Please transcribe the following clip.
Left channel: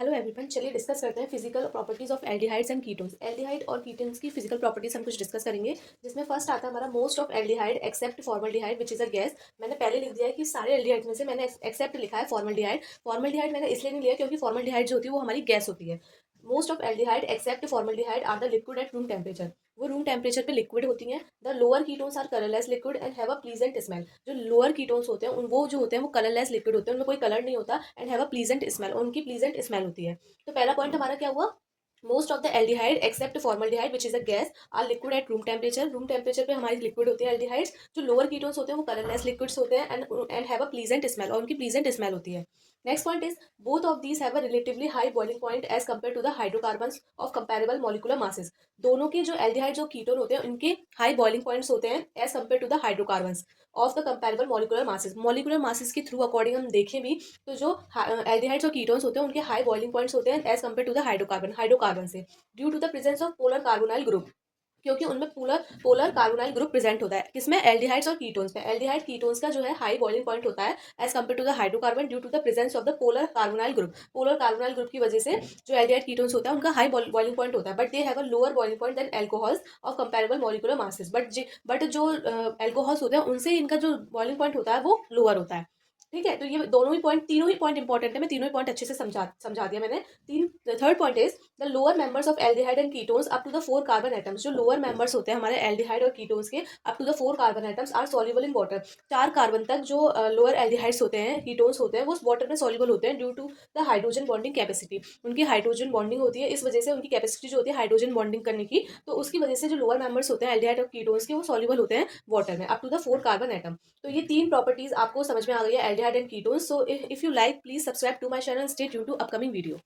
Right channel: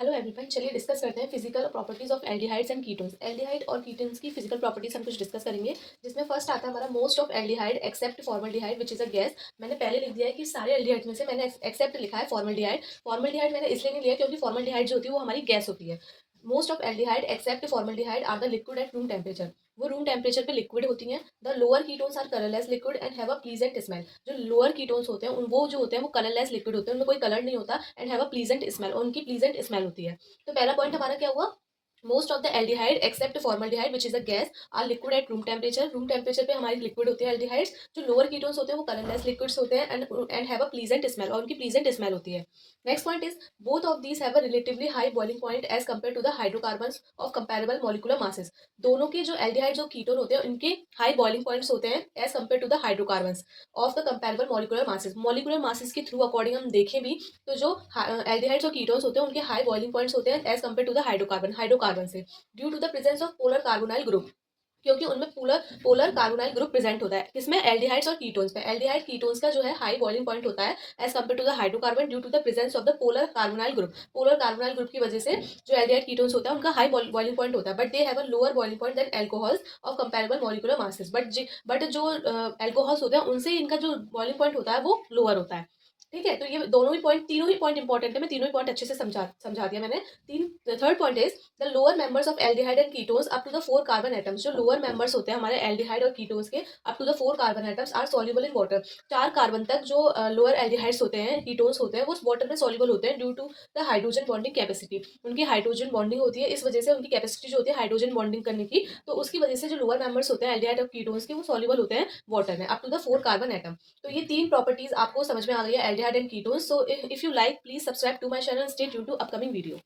Hello everyone, चलिए discuss करते हैं physical properties of aldehydes and ketones. Aldehyde और कीटोन्स की फिजिकल प्रॉपर्टीज हम कुछ डिस्कस करेंगे, जिसमें फर्स्ट आता है हमारा most of aldehyde except formaldehyde which is a gas. मैंने पहले लिख दिया है कि सारे एल्डिहाइड्स में से मैंने एक्सेप्ट लिखा है फॉर्मल्डिहाइड। फॉर्मल्डिहाइड मैंने इसलिए नहीं लिया क्योंकि फॉर्मल्डिहाइड जो होती है वो हमारी गैस होती है। Most of aldehyde except formaldehyde are the liquid at room temperature. वो रूम टेम्परेचर पे लिक्विड होती हैं। The lower ketones are colourless liquid and have a pleasant smell. जो लोअर कीटोन्स होते हैं वो जो होते हैं वो कलरलेस लिक्विड होते हैं, उनमें कोई कलर नहीं होता and have a pleasant smell, उनकी प्लीजेंट स्मेल होती है। तो पहला पॉइंट हमारा क्या हुआ? Most of the aldehyde except formaldehyde which is a gas are liquid at room temperature. Room temperature पे हमारी लिक्विड होती है एल्डिहाइड्स। जो लोअर कीटोन्स होते हैं वो कलरलेस लिक्विड्स होते हैं and have a pleasant smell, और उनकी प्लीजेंट स्मेल होती है। Next point is both of these have a relatively high boiling point as compare to the hydrocarbons of comparable molecular masses. दोनों के जो एल्डिहाइड जो कीटोन होते हैं उनके हाई बॉइलिंग पॉइंट्स होते हैं as compare to the hydrocarbons of the comparable molecular masses. Molecular masses के थ्रू अकॉर्डिंग हम देखें भी तो जो एल्डिहाइड्स और कीटोन्स होते हैं उनके हाई बॉइलिंग पॉइंट्स होते हैं as compare to the hydrocarbon से, due to the presence of polar carbonyl group. क्योंकि उनमें polar polar carbonyl group present होता है। किसमें? एल्डिहाइड्स और कीटोन्स पे। एल्डिहाइड कीटोन्स का जो है हाई बॉइलिंग पॉइंट होता है as compare to the hydrocarbon due to the presence of the polar carbonyl group. Polar carbonyl group की वजह से जो एल्डिहाइड कीटोन्स होता है उनका हाई बॉइलिंग पॉइंट होता है, but they have a lower boiling point than alcohols of comparable molecular masses. But जो एल्कोहल्स होते हैं उनसे इनका जो बॉइलिंग पॉइंट होता है वो लोअर होता है। ठीक है, तो ये दोनों ही पॉइंट, तीनों ही पॉइंट इंपॉर्टेंट है। मैं तीनों ही पॉइंट अच्छे से समझा दिया मैंने। तीन third point is the lower members of aldehyde and ketones up to the 4 carbon atoms. जो लोअर मेंबर्स होते हैं हमारे एल्डिहाइड और कीटोन्स के up to the 4 carbon atoms are soluble in water. 4 carbon तक जो लोअर एल्डिहाइड्स होते हैं, कीटोन्स होते हैं, वो वाटर में सॉल्युबल होते हैं due to the hydrogen bonding capacity. उनकी हाइड्रोजन बॉन्डिंग होती है, इस वजह से उनकी कैपेसिटी जो होती है हाइड्रोजन बॉन्डिंग करने की, तो उसकी वजह से जो लोअर मेंबर्स होते हैं एल्डिहाइड और कीटोन्स के वो सॉल्युबल होते हैं वाटर में up to the 4 carbon atom. तो ये तीन प्रॉपर्टीज आपको समझ में आ गई है aldehyde and ketones. So if you like please subscribe to my channel, stay tune to upcoming video.